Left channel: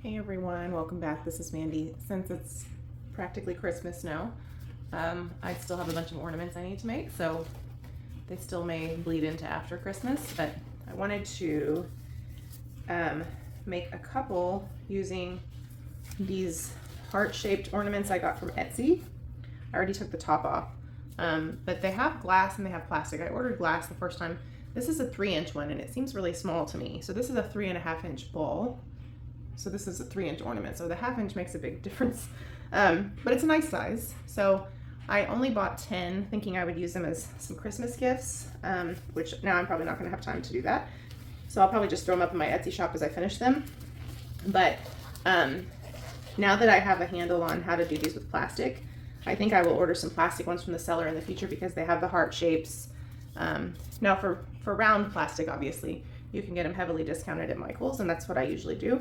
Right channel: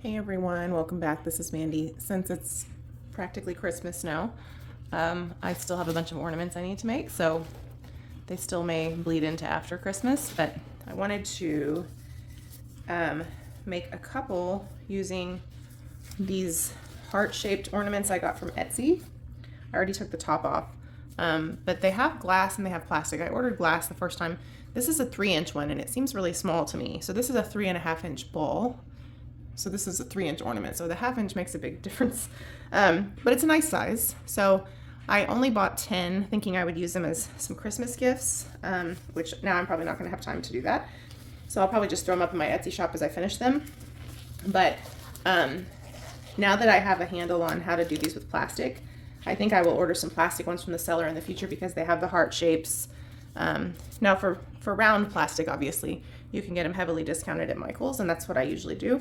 Hey everyone, welcome back. This is Mandy. Since it's practically Christmas now, I still have a bunch of ornaments I need to make, so they still may bleed into after Christmas, but I wanted to make a couple using these heart-shaped ornaments I got from Etsy. I already took the top off, but they have glass and they have plastic. I ordered glass the first time. This is a 3-inch one and it seems really small to me. So this is a 3.5-inch ball. So this is a 3-inch ornament. So the 1/2 inch makes a big difference, but it's a nice size. So I only bought 10 thinking I would use them as some Christmas gifts, which now I'm probably not gonna have time to do that. So I'll probably just throw them up in my Etsy shop as I finish them. But now that I have a handle on how to do these with plastic, I think I will order some plastic ones from the seller in the future because they have the heart shapes. Now for round plastic, obviously, you can get them heavily discounted at Michael's, and that's what I usually do.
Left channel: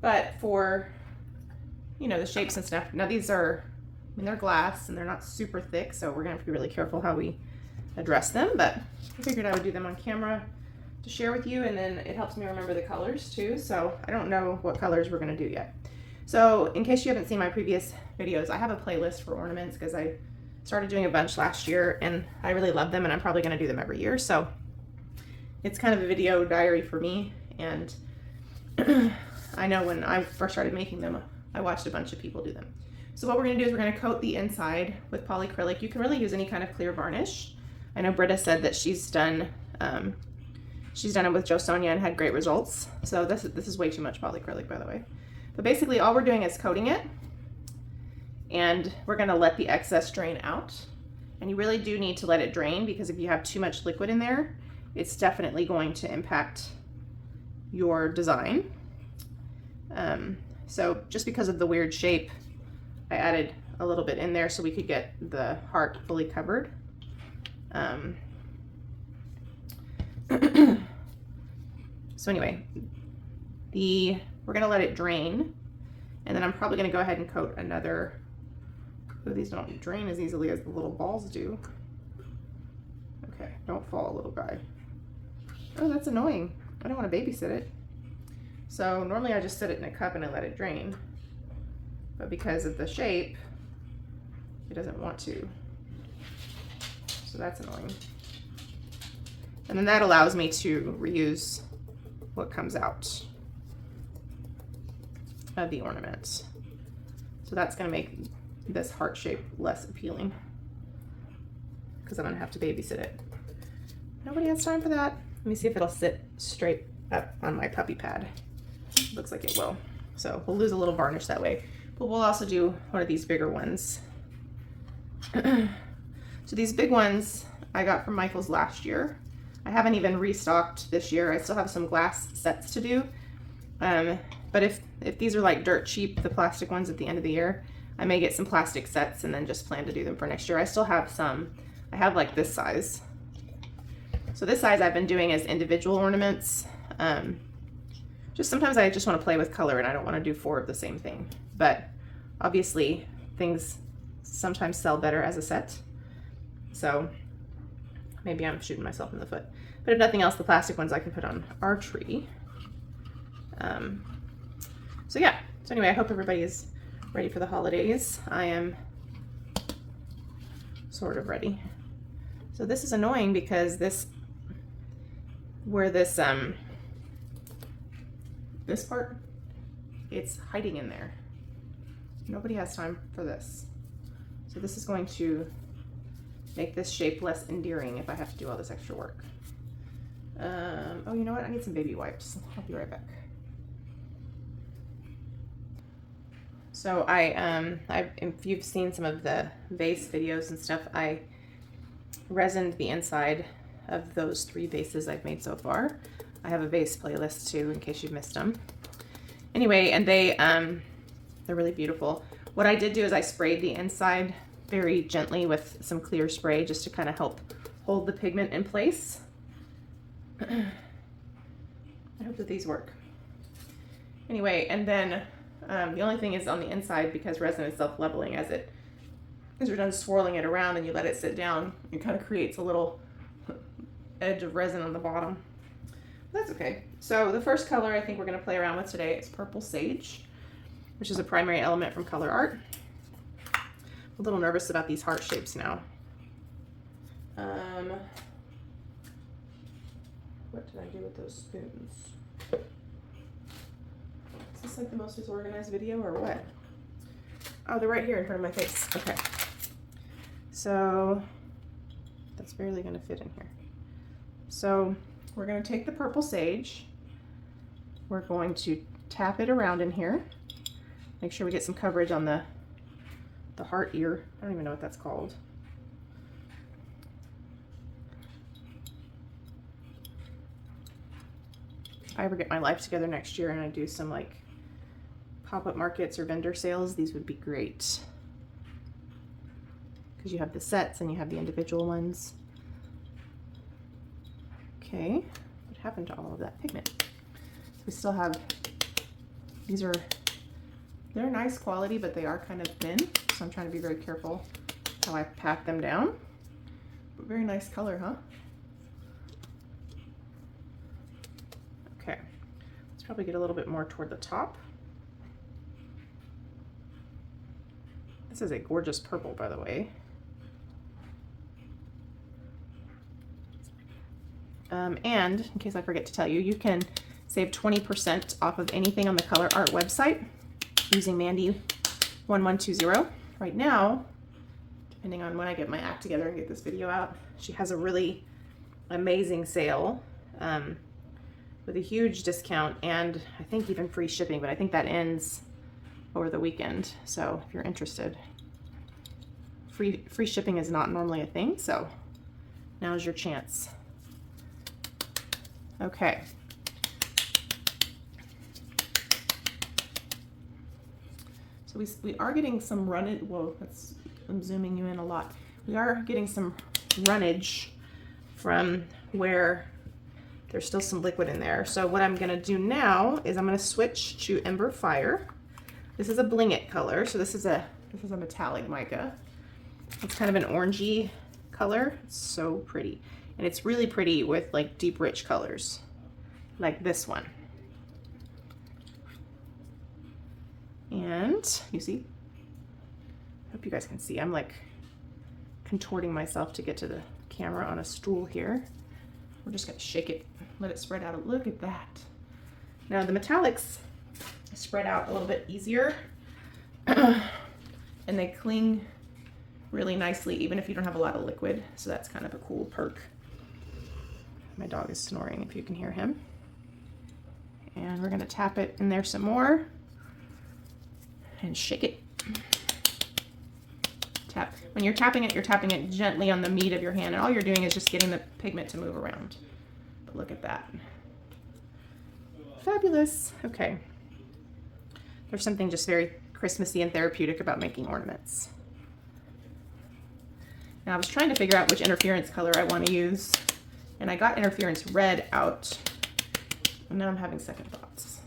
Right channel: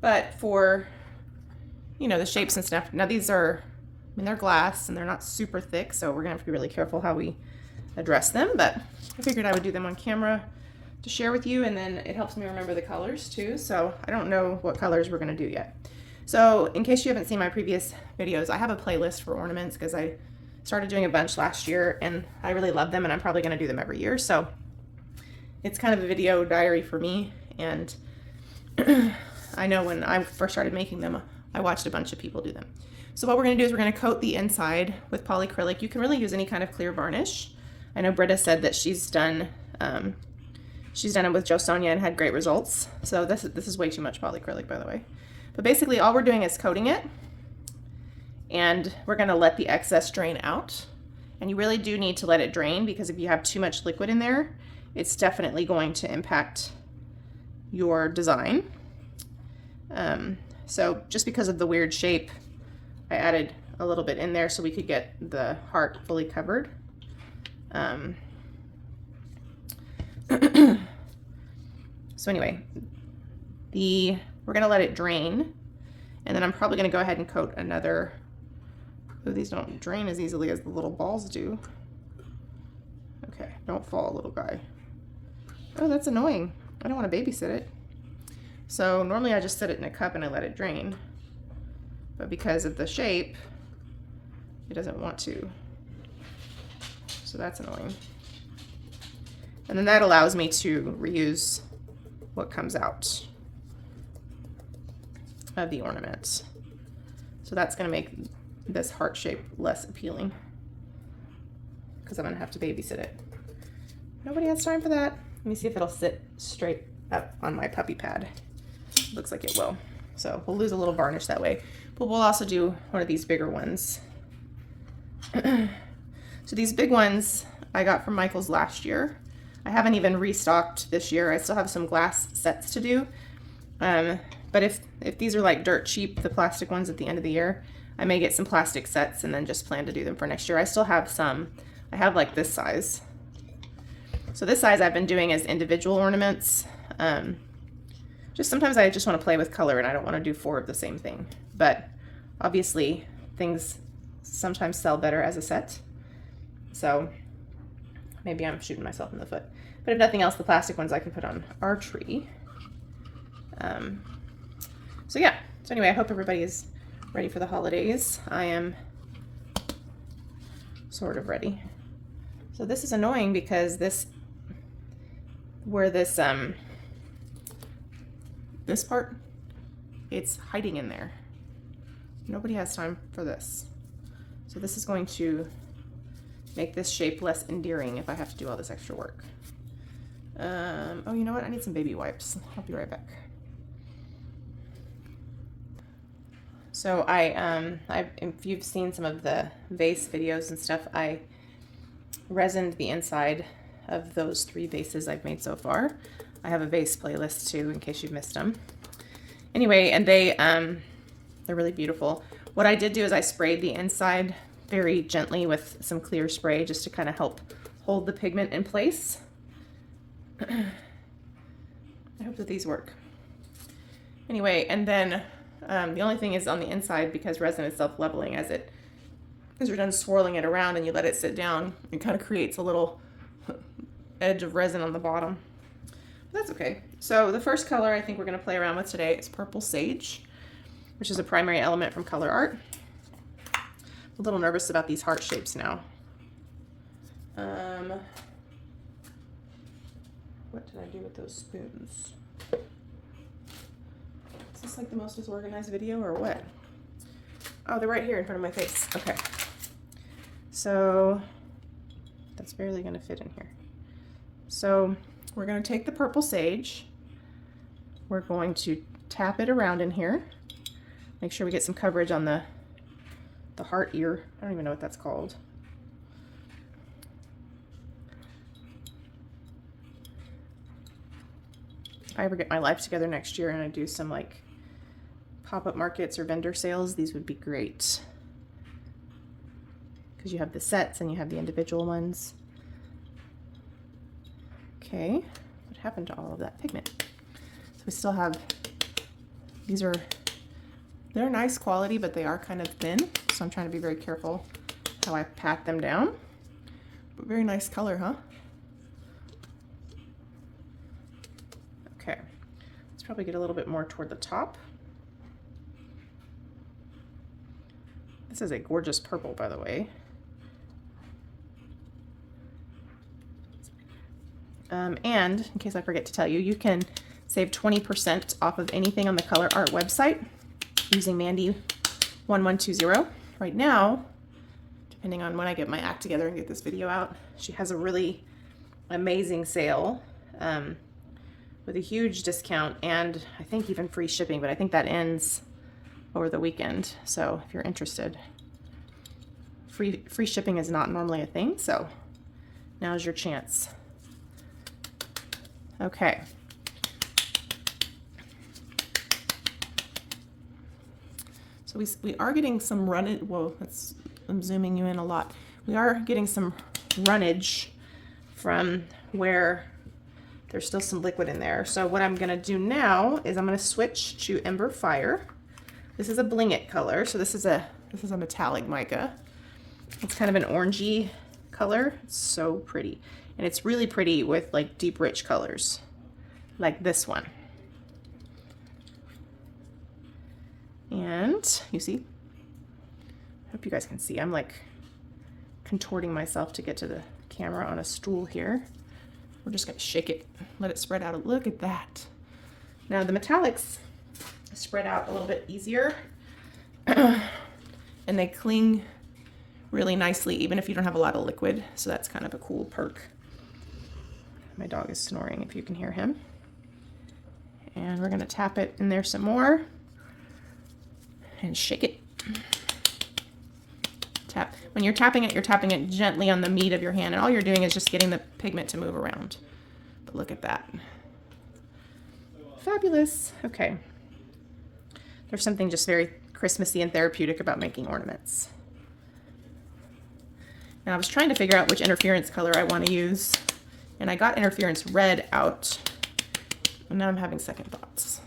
But for, you know, the shapes and stuff, now these are, I mean, they're glass and they're not super thick, so we're gonna have to be really careful how we address them, but I figured I would do them on camera to share with you, and then it helps me remember the colors too, so I don't know what colors we're gonna do yet. So in case you haven't seen my previous videos, I have a playlist for ornaments because I started doing a bunch last year and I really love them and I'm probably gonna do them every year, so it's kind of a video diary for me. And I know when I first started making them, I watched a bunch of people do them. So what we're going to do is we're going to coat the inside with polyacrylic. You can really use any kind of clear varnish. I know Britta said that she's done it with Sonja and had great results. So this is way too much polyacrylic, by the way. But basically all we're doing is coating it, and we're going to let the excess drain out. And you really do need to let it drain because if you have too much liquid in there, it's definitely going to impact your design. So just because of the weird shape, I added a little bit in there so we could get the heart fully covered. So anyway, we're gonna let it drain, and then I'm probably gonna go ahead and coat another. Oh, these don't drain as easily as the little balls do. Okay, don't fall, little guy. Oh, that's annoying. I don't want to babysit it. So normally I just set it in a cup and I let it drain, but because of the shape, it doesn't want to. So that's annoying. And then that allows me to reuse what comes out of the ornaments. So that's going to make this heart shape less appealing because I'm going to have to babysit it. Nobody has time for that. Let me see if it'll sit straight up on my puppy pad. Looks like it will. So we'll lose a little varnish that way. But we'll also do one of these bigger ones. So these big ones I got from Michael's last year. I haven't even restocked this year. I still have some glass sets to do. But if these are like dirt cheap, the plastic ones at the end of the year, I may get some plastic sets and then just plan to do them for next year. I still have some. I have like this size. So this size I've been doing as individual ornaments. Just sometimes I just want to play with color and I don't want to do 4 of the same thing. But obviously things sometimes sell better as a set. So maybe I'm shooting myself in the foot. But if nothing else, the plastic ones I can put on our tree. So yeah. So anyway, I hope everybody is ready for the holidays. I am sort of ready. So this is annoying because this part, it's hiding in there. Nobody has time for this. So this is going to make this shape less endearing if I have to do all this extra work. Oh, you know what? I need some baby wipes. I'll be right back. So if you've seen some of the vase videos and stuff, I resined the inside of those 3 vases I've made so far. I have a vase playlist too in case you've missed them. Anyway, and they're really beautiful. What I did do is I sprayed the inside very gently with some clear spray just to kind of help hold the pigment in place. I hope that these work. Anyway, and then the only thing is on the inside, because resin is self-leveling, as you're done swirling it around and you let it sit down, it kind of creates a little edge of resin on the bottom. That's okay. So the first color I think we're going to play around with today is Purple Sage, which is a primary element from Colourarte. I'm a little nervous about these heart shapes now. What did I do with those spoons? Is this like the most disorganized video or what? Oh, they're right here in front of my face. Okay. So that's barely going to fit in here. So we're going to take the Purple Sage. We're going to tap it around in here. Make sure we get some coverage on the heart ear. I don't even know what that's called. If I ever get my life together next year and I do some like pop-up markets or vendor sales, these would be great. Because you have the sets and you have the individual ones. Okay, what happened to all of that pigment? So we still have, they're nice quality, but they are kind of thin. So I'm trying to be very careful how I pat them down. But very nice color, huh? Okay, let's probably get a little bit more toward the top. This is a gorgeous purple, by the way. And in case I forget to tell you, you can save 20% off of anything on the Colourarte website using Mandy1120. Right now, depending on when I get my act together and get this video out, she has a really amazing sale with a huge discount and I think even free shipping, but I think that ends over the weekend. So if you're interested, free shipping is not normally a thing, so now's your chance. Okay. So we are getting some runnage. Whoa, I'm zooming you in a lot. We are getting some runnage from where there's still some liquid in there. So what I'm gonna do now is I'm gonna switch to Ember Fire. This is a Bling It color. So this is a metallic mica. It's kind of an orangey color. It's so pretty. And it's really pretty with like deep rich colors like this one. And you see, I hope you guys can see, I'm like contorting myself to get to the camera on a stool here. We're just gonna shake it, let it spread out. Look at that. Now the metallics spread out a little bit easier and they cling really nicely even if you don't have a lot of liquid. So that's kind of a cool perk. My dog is snoring if you can hear him. And we're gonna tap it in there some more and shake it. Tap. When you're tapping it gently on the meat of your hand, and all you're doing is just getting the pigment to move around. But look at that. Fabulous. Okay. There's something just very Christmassy and therapeutic about making ornaments. Now I was trying to figure out which interference color I want to use, and I got interference red out, and now I'm having second thoughts.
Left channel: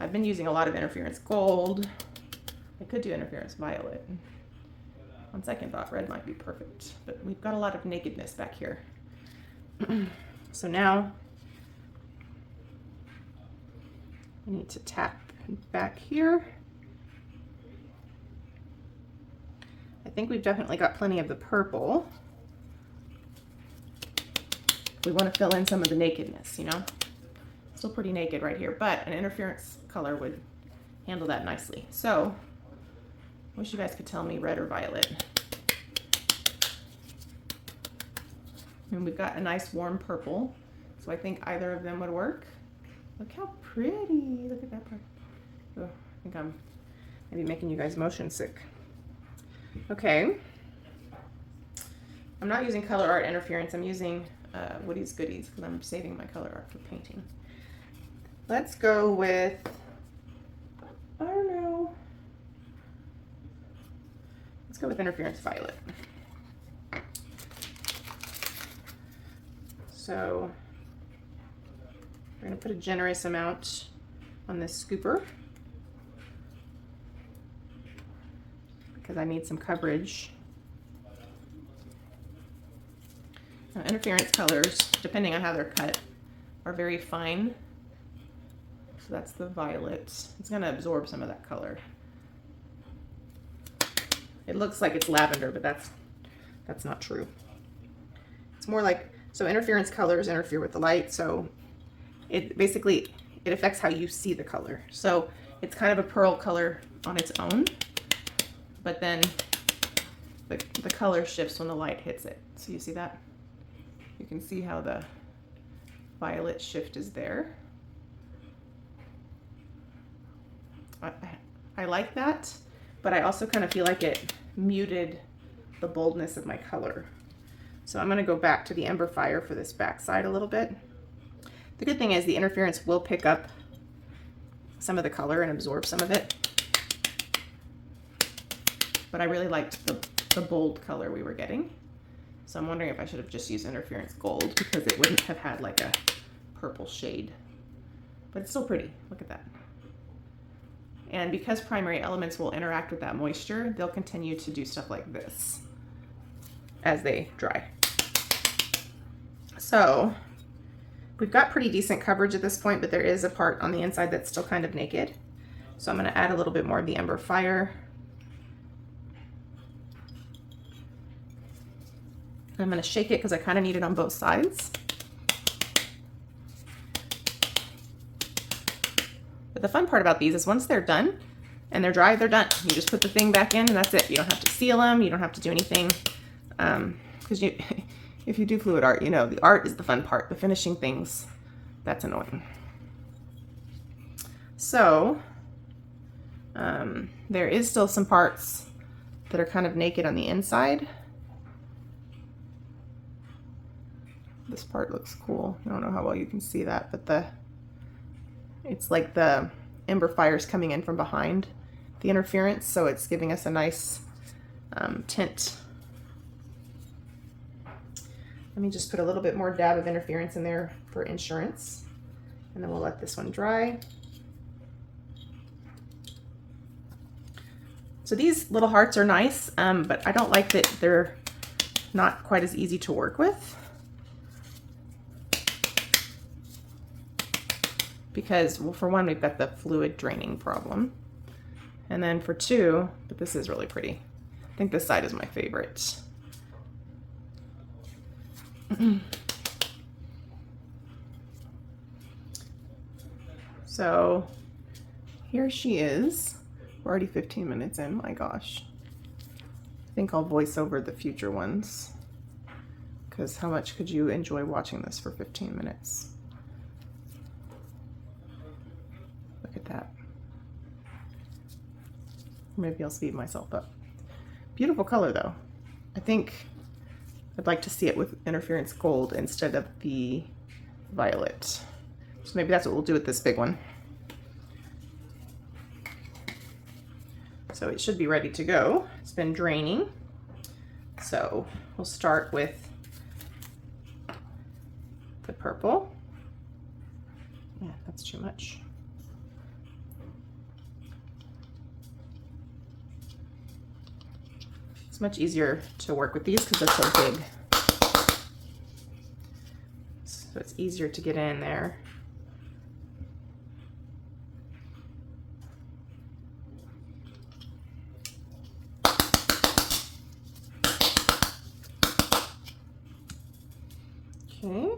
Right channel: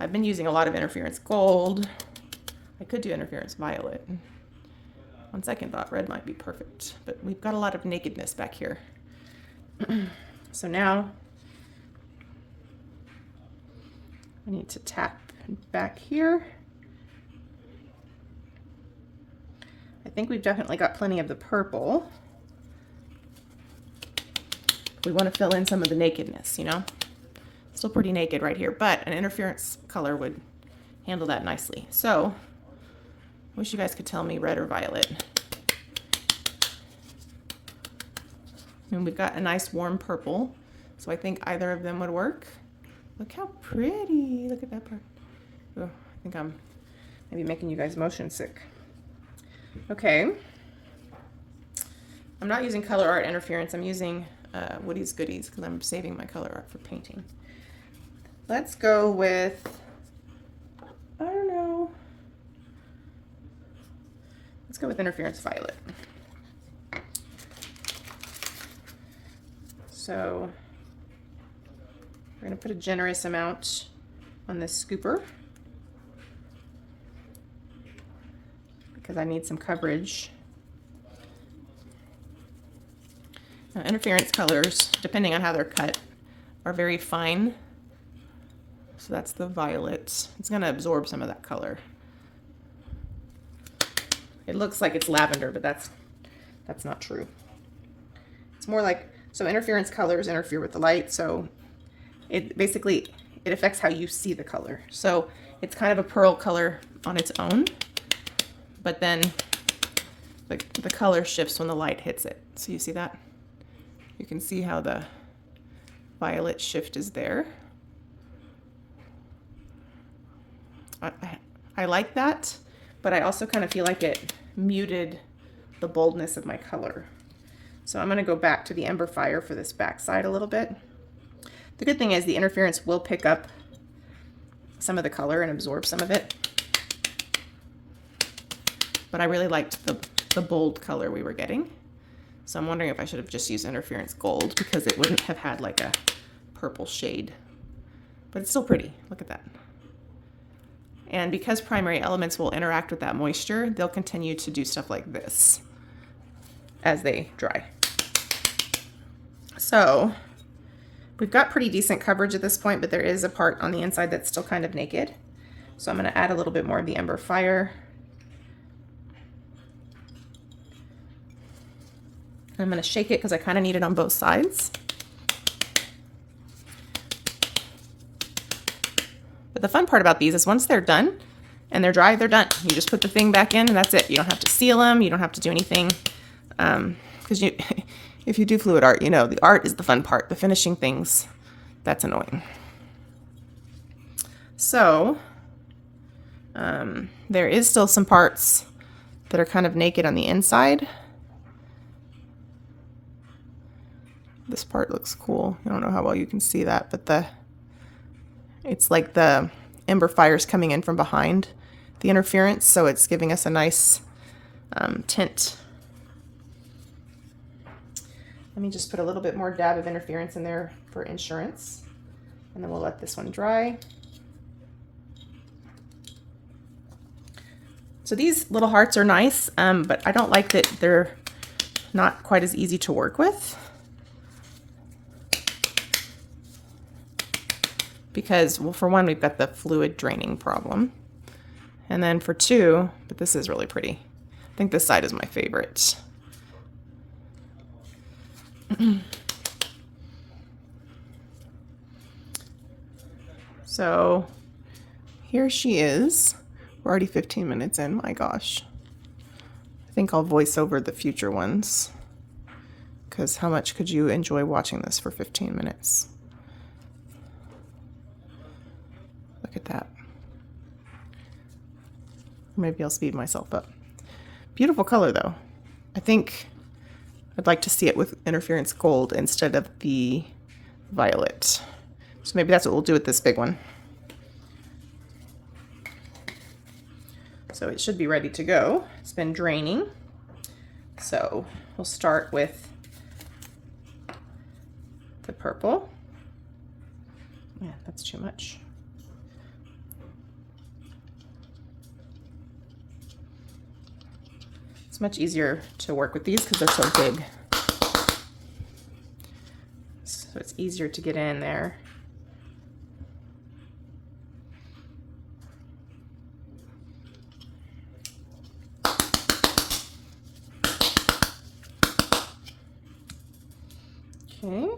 I've been using a lot of interference gold. I could do interference violet. On second thought, red might be perfect, but we've got a lot of nakedness back here. So now I need to tap back here. I think we've definitely got plenty of the purple. We want to fill in some of the nakedness, you know? Still pretty naked right here, but an interference color would handle that nicely. So, I wish you guys could tell me red or violet. And we've got a nice warm purple, so I think either of them would work. Look how pretty, look at that part. Oh, I think I'm maybe making you guys motion sick. Okay. I'm not using Colourarte interference, I'm using Woody's Goodies because I'm saving my Colourarte for painting. Let's go with, I don't know. Let's go with interference violet. So we're going to put a generous amount on this scooper because I need some coverage. Now, interference colors, depending on how they're cut, are very fine. So that's the violet. It's gonna absorb some of that color. It looks like it's lavender, but that's not true. It's more like, so interference colors interfere with the light, so it basically, it affects how you see the color. So it's kind of a pearl color on its own, but then the color shifts when the light hits it. So you see that? You can see how the violet shift is there. I like that, but I also kind of feel like it muted the boldness of my color. So I'm going to go back to the Ember Fire for this back side a little bit. The good thing is the interference will pick up some of the color and absorb some of it. But I really liked the bold color we were getting. So I'm wondering if I should have just used interference gold because it wouldn't have had like a purple shade. But it's still pretty. Look at that. And because primary elements will interact with that moisture, they'll continue to do stuff like this as they dry. So we've got pretty decent coverage at this point, but there is a part on the inside that's still kind of naked. So I'm going to add a little bit more of the Ember Fire. I'm going to shake it because I kind of need it on both sides. But the fun part about these is once they're done and they're dry, they're done. You just put the thing back in and that's it. You don't have to seal them. You don't have to do anything. Because if you do fluid art, you know, the art is the fun part. The finishing things, that's annoying. So there is still some parts that are kind of naked on the inside. This part looks cool. I don't know how well you can see that, but it's like the Ember Fire's coming in from behind the interference, so it's giving us a nice tint. Let me just put a little bit more dab of interference in there for insurance, and then we'll let this one dry. So these little hearts are nice, but I don't like that they're not quite as easy to work with. Because, well, for one, we've got the fluid draining problem. And then for two, but this is really pretty. I think this side is my favorite. So here she is. We're already 15 minutes in, my gosh. I think I'll voice over the future ones, because how much could you enjoy watching this for 15 minutes? Look at that. Maybe I'll speed myself up. Beautiful color though. I think I'd like to see it with interference gold instead of the violet. So maybe that's what we'll do with this big one. So it should be ready to go. It's been draining. So we'll start with the purple. Yeah, that's too much. It's much easier to work with these because they're so big. So it's easier to get in there. Okay.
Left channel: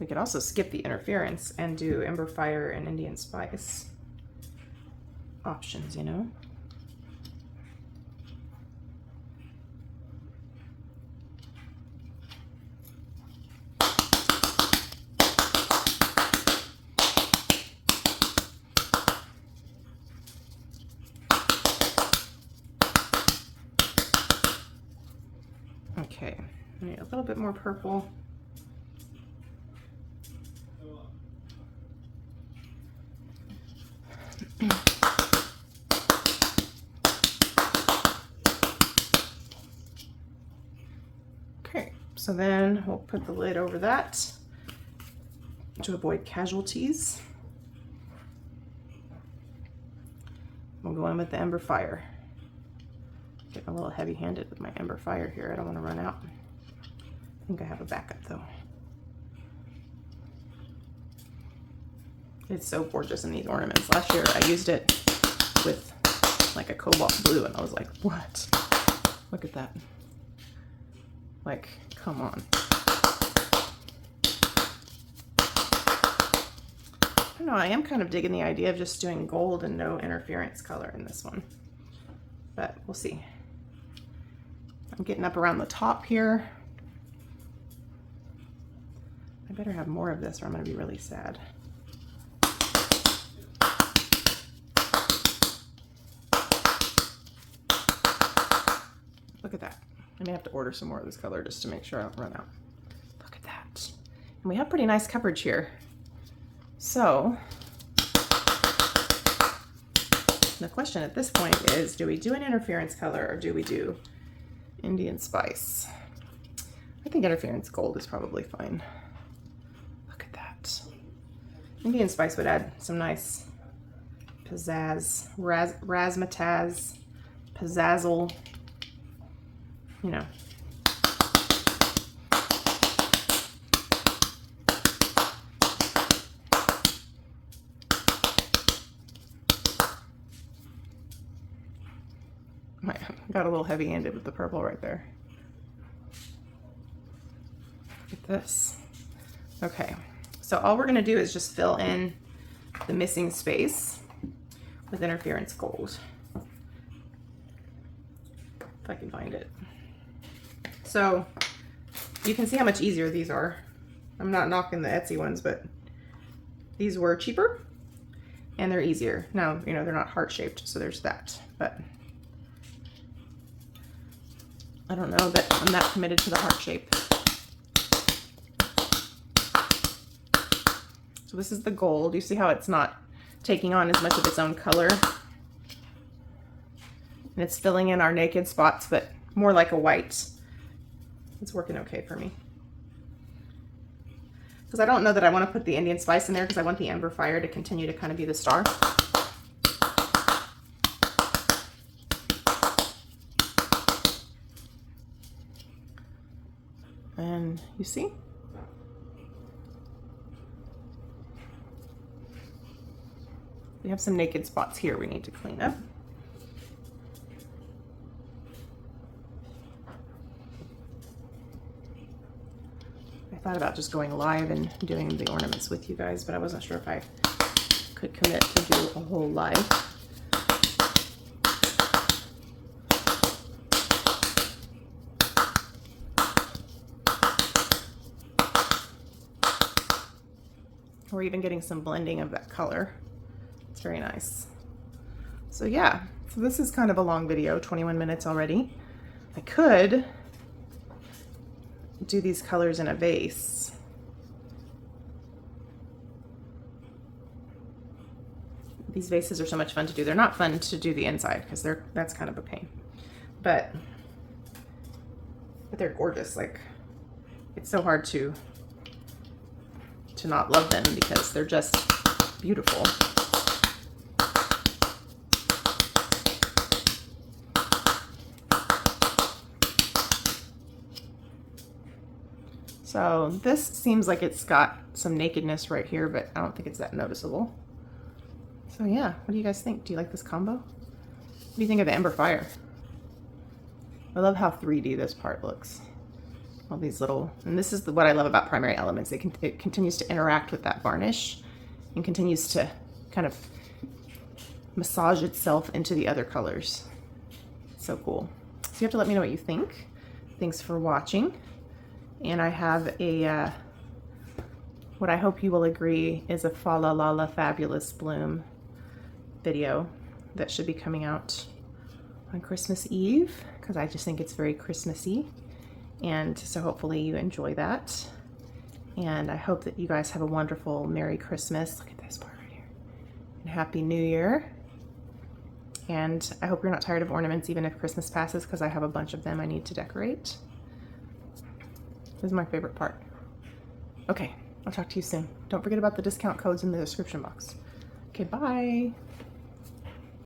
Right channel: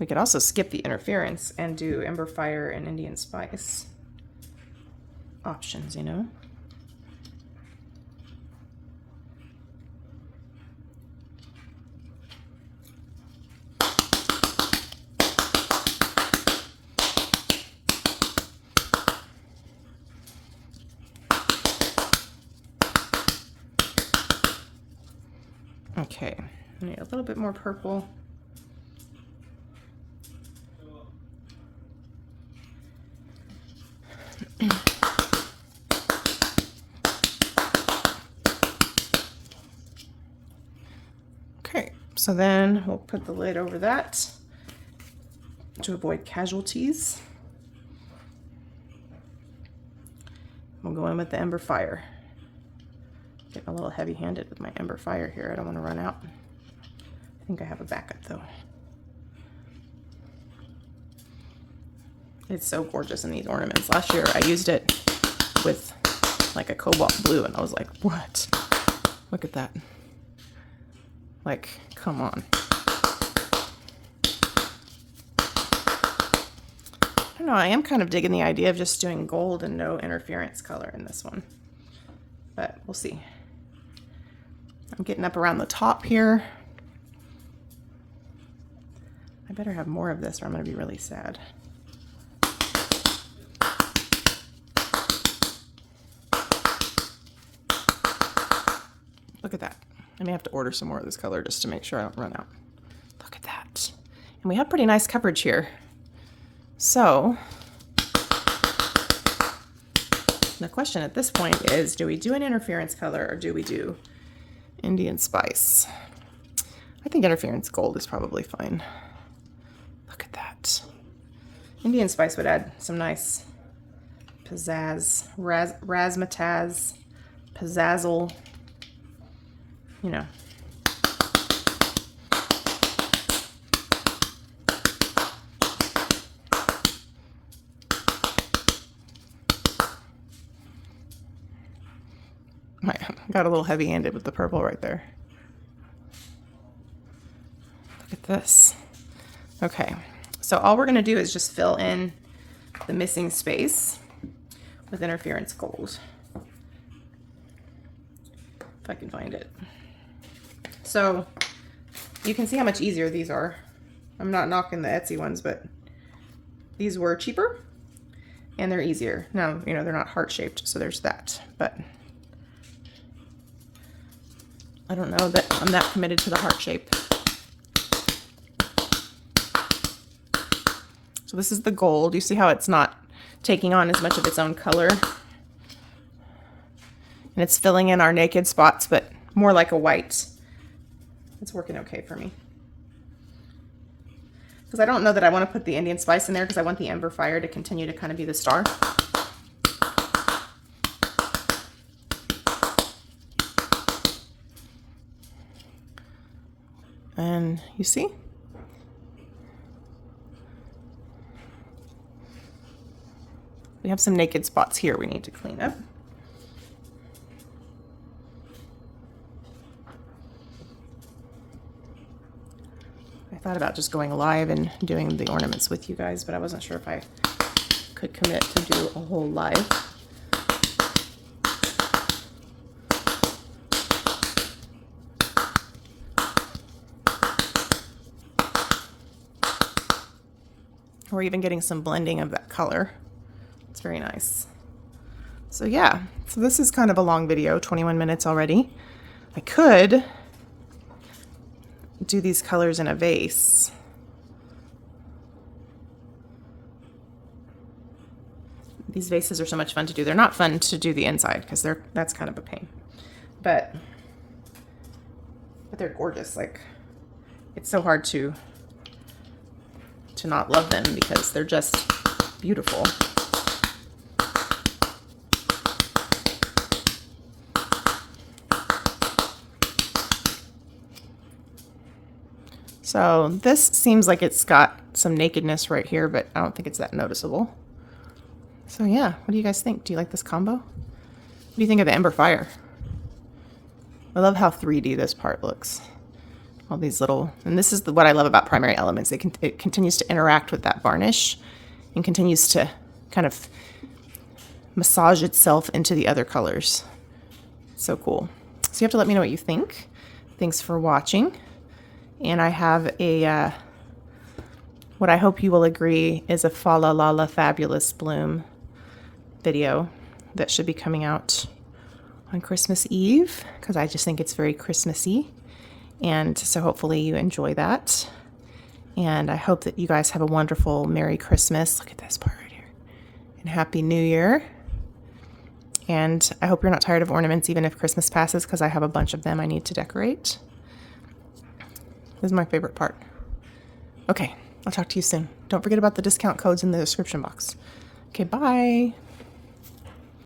We could also skip the interference and do Ember Fire and Indian Spice options, you know? Okay, I need a little bit more purple. Okay, so then we'll put the lid over that to avoid casualties. go in with the Ember Fire. Getting a little heavy-handed with my Ember Fire here. I don't want to run out. I think I have a backup though. It's so gorgeous in these ornaments. Last year I used it with like a cobalt blue and I was like, what? Look at that. Like, come on. I don't know, I am kind of digging the idea of just doing gold and no interference color in this one. But we'll see. I'm getting up around the top here. I better have more of this or I'm going to be really sad. Look at that. I may have to order some more of this color just to make sure I don't run out. Look at that. And we have pretty nice coverage here. So the question at this point is, do we do an interference color or do we do Indian Spice? I think interference gold is probably fine. Look at that. Indian Spice would add some nice pizzazz, razzmatazz, pizzazzle, you know. Got a little heavy-handed with the purple right there. Look at this. Okay, so all we're gonna do is just fill in the missing space with interference gold. If I can find it. So you can see how much easier these are. I'm not knocking the Etsy ones, but these were cheaper and they're easier. Now, you know, they're not heart-shaped, so there's that, but I don't know that I'm that committed to the heart shape. So this is the gold. You see how it's not taking on as much of its own color? And it's filling in our naked spots, but more like a white. It's working okay for me. Because I don't know that I want to put the Indian Spice in there because I want the Ember Fire to continue to kind of be the star. And you see? We have some naked spots here we need to clean up. I thought about just going live and doing the ornaments with you guys, but I wasn't sure if I could commit to do a whole live. We're even getting some blending of that color. It's very nice. So yeah, so this is kind of a long video, 21 minutes already. I could do these colors in a vase. These vases are so much fun to do. They're not fun to do the inside because that's kind of a pain. But they're gorgeous. Like, it's so hard to not love them because they're just beautiful. So this seems like it's got some nakedness right here, but I don't think it's that noticeable. So yeah, what do you guys think? Do you like this combo? What do you think of the Ember Fire? I love how 3D this part looks. All these little, and this is what I love about Primary Elements. It continues to interact with that varnish and continues to kind of massage itself into the other colors. So cool. So you have to let me know what you think. Thanks for watching. And I have a, what I hope you will agree is a Fa La La La Fabulous Bloom video that should be coming out on Christmas Eve because I just think it's very Christmassy. And so hopefully you enjoy that. And I hope that you guys have a wonderful Merry Christmas. Look at this part right here. And Happy New Year. And I hope you're not tired of ornaments even if Christmas passes because I have a bunch of them I need to decorate. This is my favorite part. Okay, I'll talk to you soon. Don't forget about the discount codes in the description box. Okay, bye.